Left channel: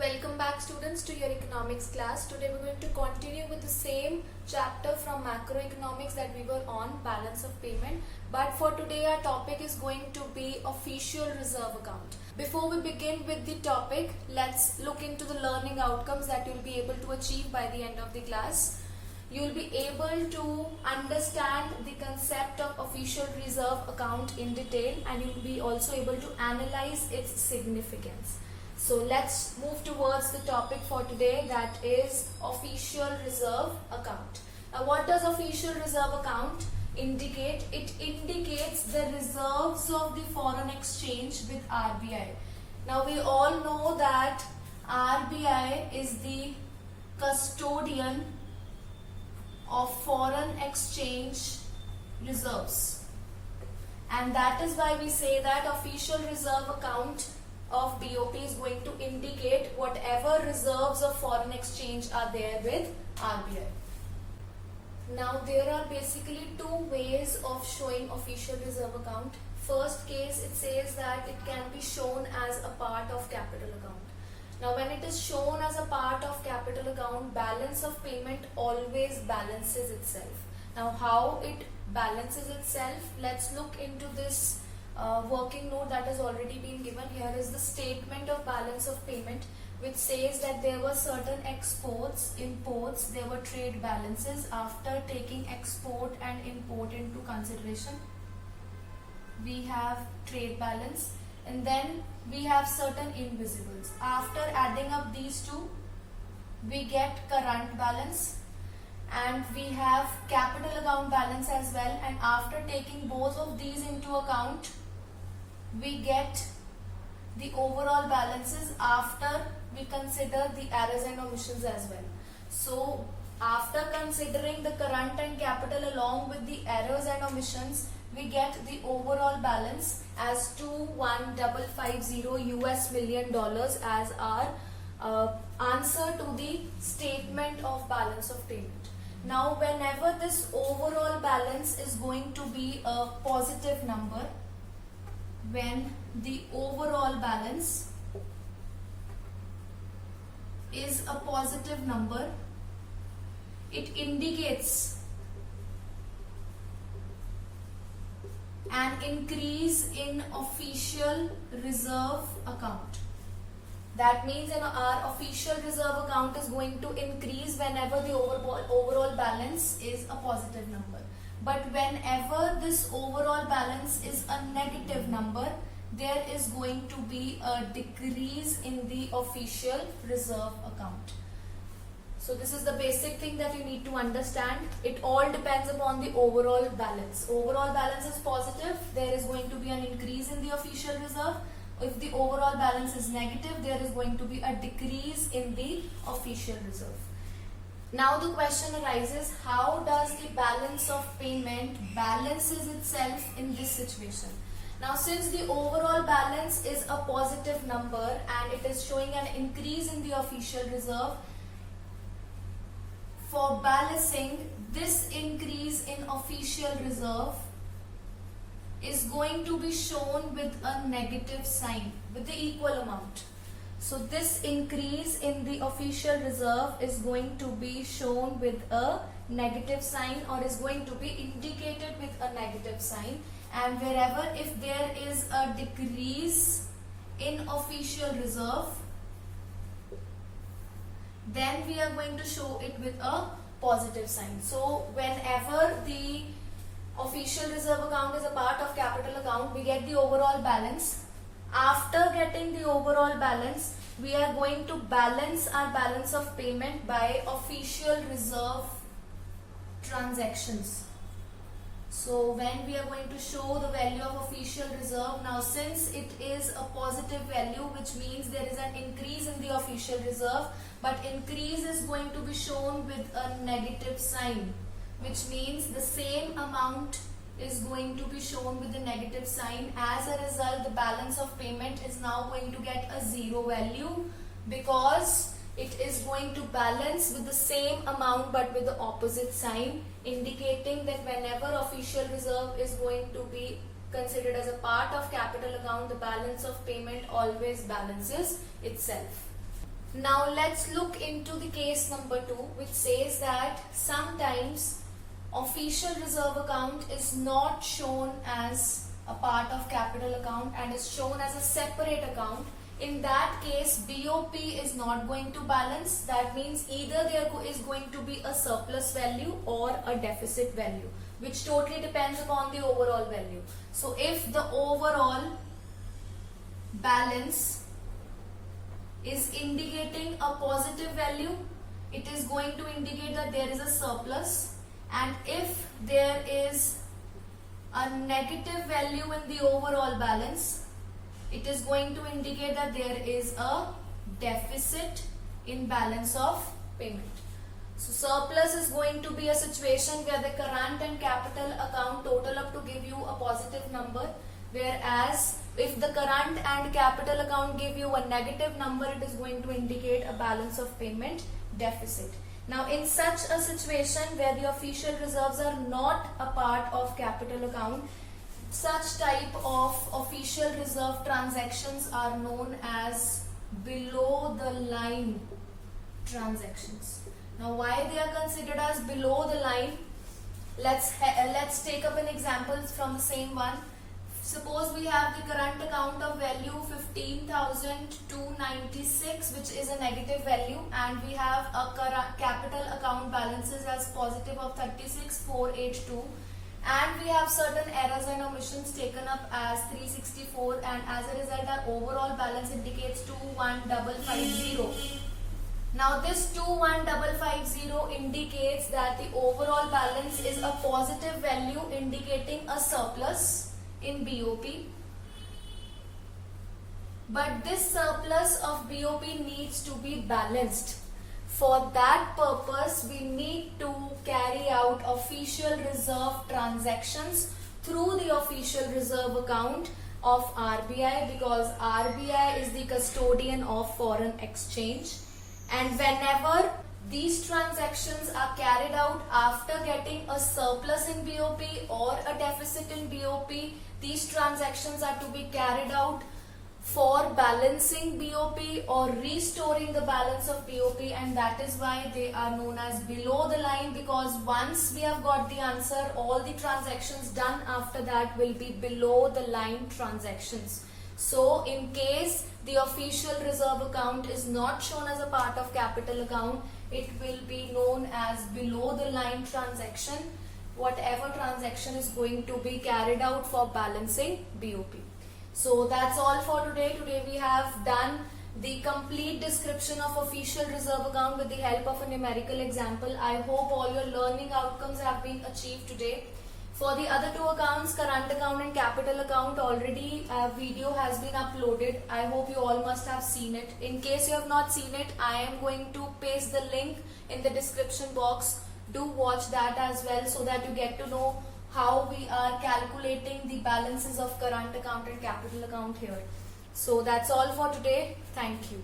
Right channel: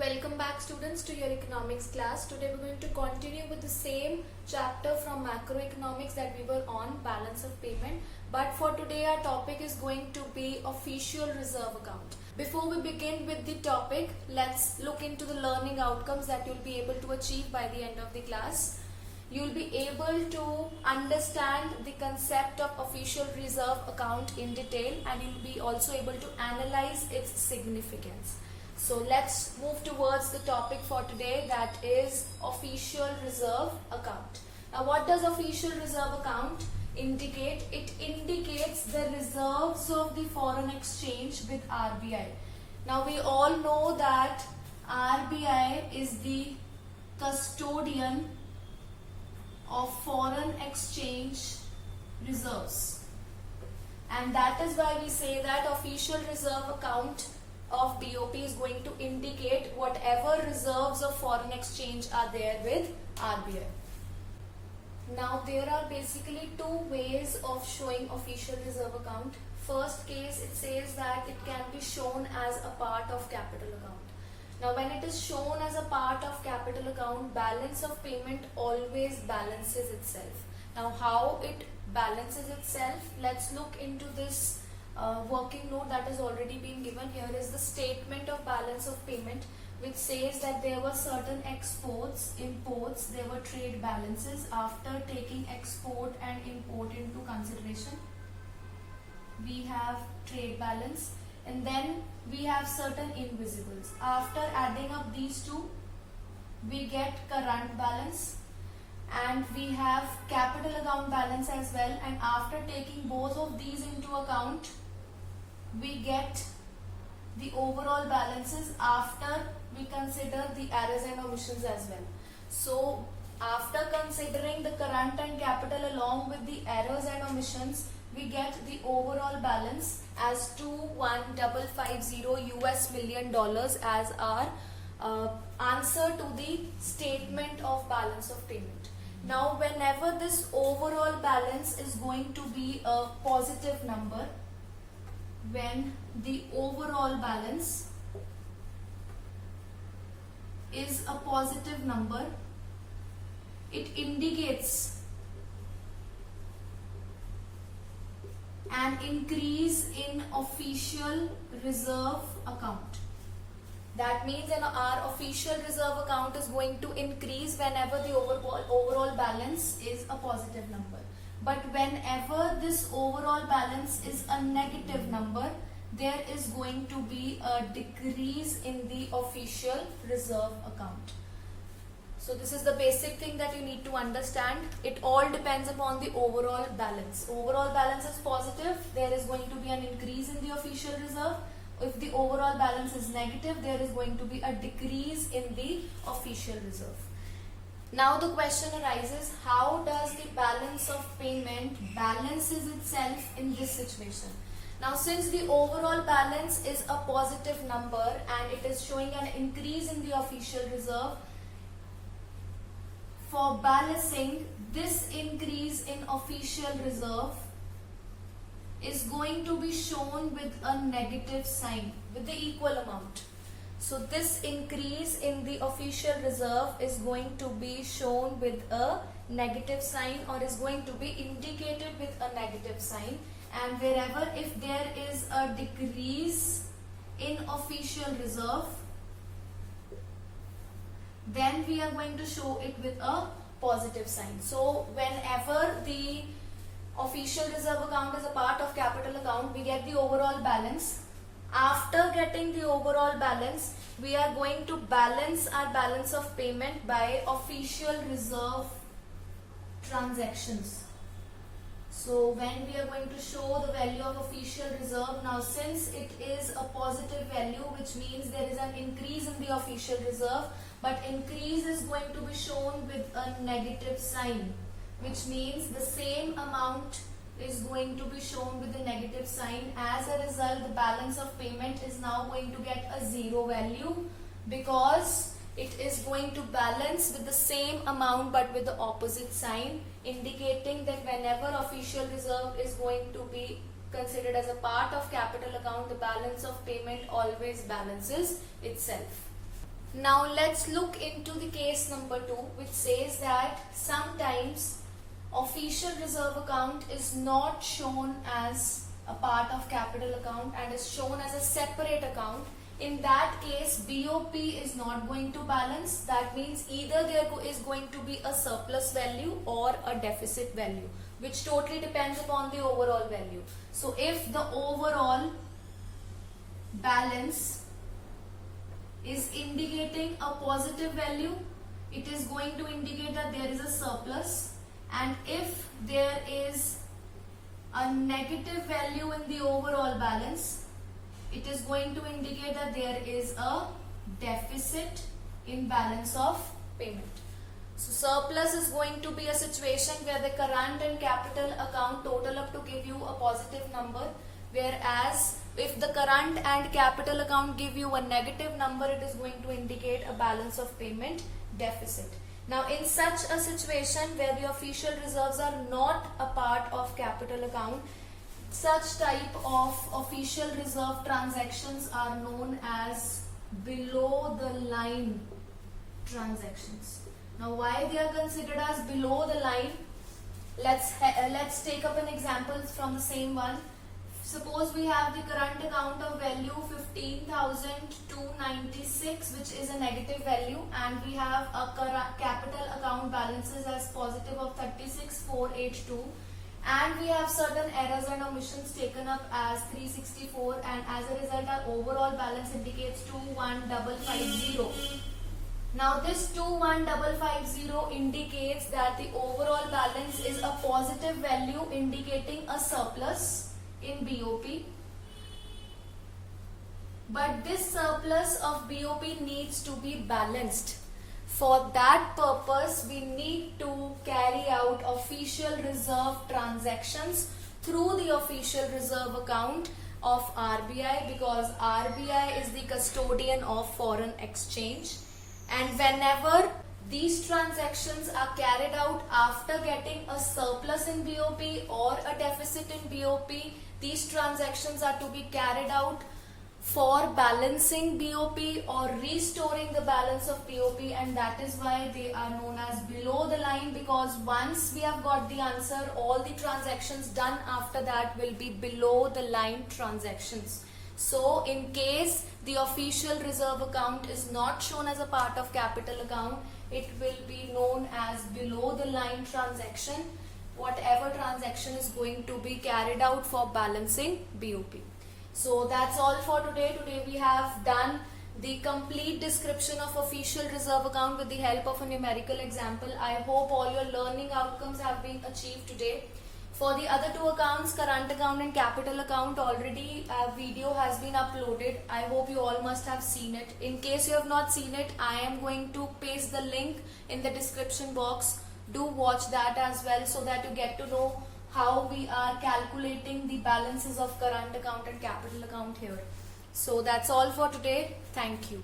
Welcome back students to your economics class. Today we're going to continue with the same chapter from macroeconomics that we were on, balance of payment. But for today our topic is going to be official reserve account. Before we begin with the topic, let's look into the learning outcomes that you'll be able to achieve by the end of the class. You'll be able to understand the concept of official reserve account in detail, and you'll be also able to analyze its significance. So let's move towards the topic for today, that is official reserve account. Now what does official reserve account indicate? It indicates the reserves of the foreign exchange with RBI. Now we all know that RBI is the custodian of foreign exchange reserves, and that is why we say that official reserve account of BOP is going to indicate whatever reserves of foreign exchange are there with RBI. Now there are basically two ways of showing official reserve account. First case, it says that it can be shown as a part of capital account. Now when it is shown as a part of capital account, balance of payment always balances itself. Now how it balances itself, let's look into this working note that has already been given. Here is the statement of balance of payment, which says that there were certain exports, imports, there were trade balances. After taking export and import into consideration, we have trade balance, and then we have certain invisibles. After adding up these two, we get current balance, and we have capital account balance as well, and after taking both of these into account, we get the overall balances after we consider the errors and omissions as well. So after considering the current and capital along with the errors and omissions, we get the overall balance as $2,150 US million as our answer to the statement of balance of payment. Now whenever this overall balance is going to be a positive number, when the overall balance is a positive number, it indicates an increase in official reserve account. That means our official reserve account is going to increase whenever the overall balance is a positive number. But whenever this overall balance is a negative number, there is going to be a decrease in the official reserve account. So this is the basic thing that you need to understand. It all depends upon the overall balance. Overall balance is positive, there is going to be an increase in the official reserve. If the overall balance is negative, there is going to be a decrease in the official reserve. Now the question arises, how does the balance of payment balances itself in this situation? Now since the overall balance is a positive number and it is showing an increase in the official reserve, for balancing, this increase in official reserve is going to be shown with a negative sign, with the equal amount. So this increase in the official reserve is going to be shown with a negative sign, or is going to be indicated with a negative sign. And wherever if there is a decrease in official reserve, then we are going to show it with a positive sign. So whenever the official reserve account is a part of capital account, we get the overall balance. After getting the overall balance, we are going to balance our balance of payment by official reserve transactions. So when we are going to show the value of official reserve, now since it is a positive value, which means there is an increase in the official reserve, but increase is going to be shown with a negative sign, which means the same amount is going to be shown with the negative sign. As a result, the balance of payment is now going to get a zero value, because it is going to balance with the same amount but with the opposite sign, indicating that whenever official reserve is going to be considered as a part of capital account, the balance of payment always balances itself. Now let's look into the case number 2, which says that sometimes official reserve account is not shown as a part of capital account and is shown as a separate account. In that case, BOP is not going to balance. That means either there is going to be a surplus value or a deficit value, which totally depends upon the overall value. So if the overall balance is indicating a positive value, it is going to indicate that there is a surplus, and if there is a negative value in the overall balance, it is going to indicate that there is a deficit in balance of payment. So surplus is going to be a situation where the current and capital account total up to give you a positive number, whereas if the current and capital account give you a negative number, it is going to indicate a balance of payment deficit. Now in such a situation where the official reserves are not a part of capital account, such type of official reserve transactions are known as below the line transactions. Now why they are considered as below the line? Let's take up an example from the same one. Suppose we have the current account of value 15,296, which is a negative value, and we have a capital account balances as positive of 36,482, and we have certain errors and omissions taken up as 364, and as a result our overall balance indicates 21,550. Now this 21,550 indicates that the overall balance is a positive value indicating a surplus in BOP, but this surplus of BOP needs to be balanced. For that purpose, we need to carry out official reserve transactions through the official reserve account of RBI, because RBI is the custodian of foreign exchange, and whenever these transactions are carried out after getting a surplus in BOP or a deficit in BOP, these transactions are to be carried out for balancing BOP or restoring the balance of BOP, and that is why they are known as below the line, because once we have got the answer, all the transactions done after that will be below the line transactions. So in case the official reserve account is not shown as a part of capital account, it will be known as below the line transaction, whatever transaction is going to be carried out for balancing BOP. So that's all for today. Today we have done the complete description of official reserve account with the help of a numerical example. I hope all your learning outcomes have been achieved today. For the other two accounts, current account and capital account, already a video has been uploaded. I hope you all must have seen it. In case you have not seen it, I am going to paste the link in the description box. Do watch that as well, so that you get to know how we are calculating the balances of current account and capital account here. So that's all for today. Thank you.